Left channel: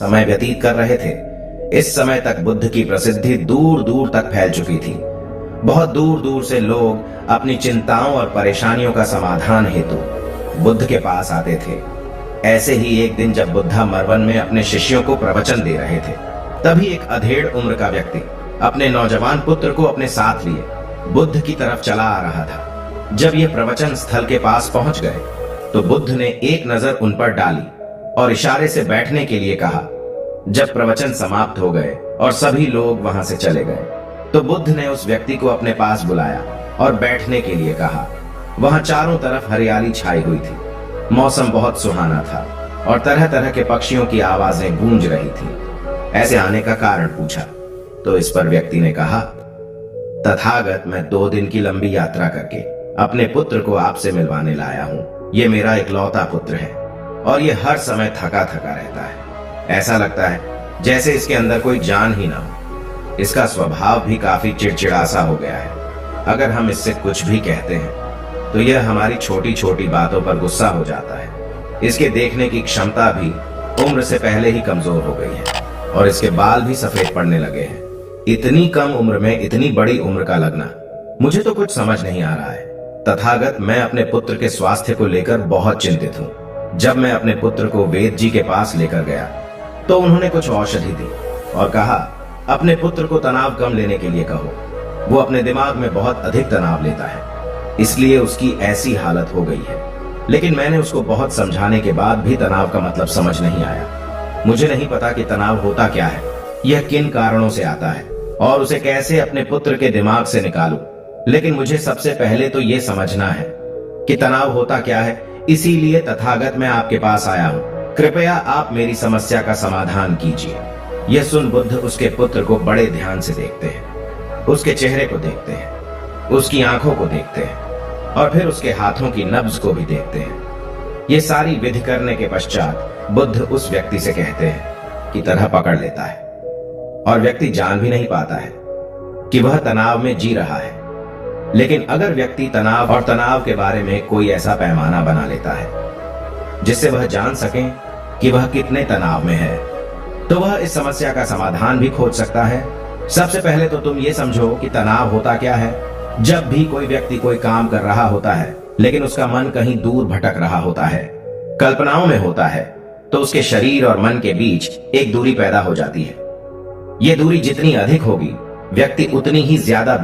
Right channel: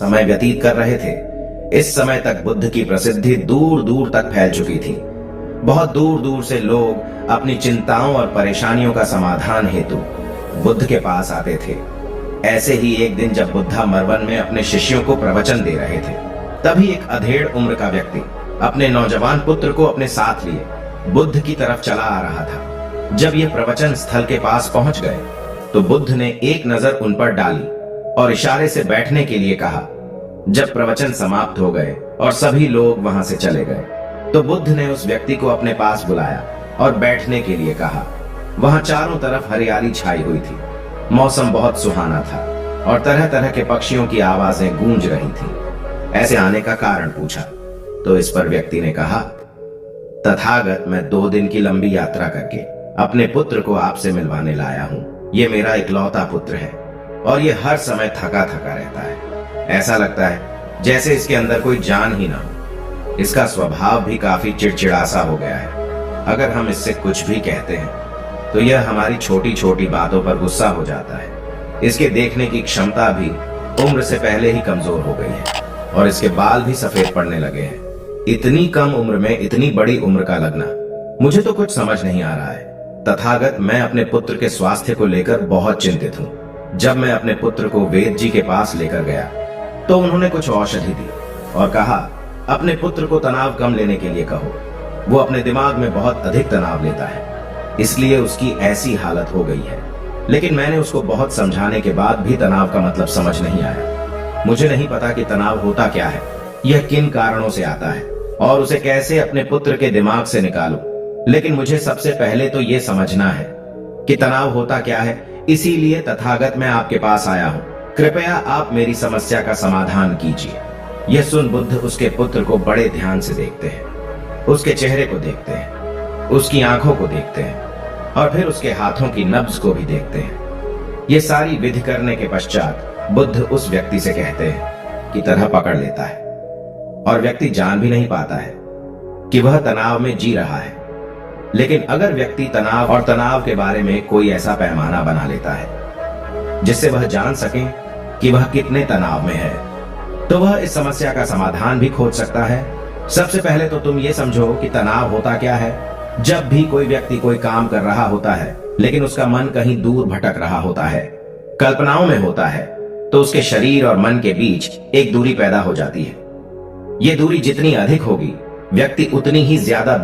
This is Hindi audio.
समय व्यतीत कर रहे थे। इस समय तक बुद्ध की प्रसिद्धि दूर दूर तक फैल चुकी थी। बहुत दूर दूर से लोग अपनी चिंताओं और परेशानियों का समाधान हेतु बुद्ध के पास आते थे। ऐसे ही एक दिन जब बुद्धा मरवन में अपने शिष्यों को प्रवचन दे रहे थे, तभी एक अधेड़ उम्र का व्यक्ति अपने नौजवान पुत्र को अपने साथ लिए बुद्ध की तरफ चला आ रहा था। जब ये प्रवचन स्थल के पास पहुंच गए तो बुद्ध ने एक नजर उन पर डाली और इशारे से बैठने के लिए कहा। जब प्रवचन समाप्त हो गए और सभी लोग वहां से चले गए तो बुद्ध ने उस व्यक्ति को अपने पास बुलाया और बैठने के लिए कहा। वहां चारों तरफ हरियाली छाई हुई थी। मौसम बहुत सुहाना था और तरह तरह के पक्षियों की आवाजें गूंज रही थी। ऐसे आने का कारण पूछा तो इस पर व्यक्ति ने कहा, तथागत, मैं 2 दिन की लंबी यात्रा करके अपने पुत्र को आपसे मिलवाने लाया हूं। ये मेरा इकलौता पुत्र है और ये हर समय थका थका रहता है। ऐसा लगता है जैसे इसके अंदर कोई जान ही ना हो। इसका स्वभाव भी काफी चिड़चिड़ा सा हो गया है। अगर हम इससे कुछ भी कहते हैं तो यह हमारी छोटी छोटी बातों पर गुस्सा हो जाता है। इसके देखने की क्षमता भी उम्र से पहले ही कमजोर हो गई है और इसके बाल भी सफेद पड़ने लगे हैं। इतनी कम उम्र में इतनी बड़ी उम्र का लगना, मुझे तो कुछ समझ नहीं आ रहा है। तथागत, मैं अपने पुत्र के स्वास्थ्य को लेकर बहुत चिंतित हूं। जब मैं अपने पुत्र को वेद जी के पास लेकर गया तो उन्होंने कुछ औषधि दी और कहा, अपने पुत्र को तनाव कम लेने के लिए कहो। वो अपने दिमाग में बहुत अधिक तनाव लेता है, इसलिए उसकी ऐसी हालत हो गई है। लेकिन मैंने उसको बहुत समझाने के बाद भी तनाव का मतलब समझ नहीं आया। मुझे नहीं पता कि तनाव होता क्या है, यह किन कारणों से आता है और उसे कैसे अपने पुत्र के दिमाग से निकालूं। लेकिन मुझे सबसे पहले तो यह समझना है कि तनाव होता क्या है। इसीलिए तथागत, मैं आपके पास आया हूं। कृपया आप मेरी समस्या का समाधान कीजिए। यह सुन बुद्ध उसके पुत्र को बड़े ध्यान से देखते हैं। उसके चेहरे को देखते हैं, उसकी आंखों को देखते हैं और फिर उसके हाथों की नब्ज को भी देखते हैं। ये सारी विधि करने के पश्चात बुद्ध उस व्यक्ति से कहते हैं की तरह पकड़ लेता है और व्यक्ति जान भी नहीं पाता है कि वह तनाव में जी रहा है। लेकिन अगर व्यक्ति तनाव और तनाव के बारे में कोई ऐसा पैमाना बना लेता है जिससे वह जान सके कि वह कितने तनाव में है, तो वह इस समस्या का समाधान भी खोज सकता है। सबसे पहले तो तुम ये समझो कि तनाव होता क्या है। जब भी कोई व्यक्ति कोई काम कर रहा होता है लेकिन उसका मन कहीं दूर भटक रहा होता है, कल्पनाओं में होता है, तो उसके शरीर और मन के बीच एक दूरी पैदा हो जाती है। यह दूरी जितनी अधिक होगी, व्यक्ति उतनी ही ज्यादा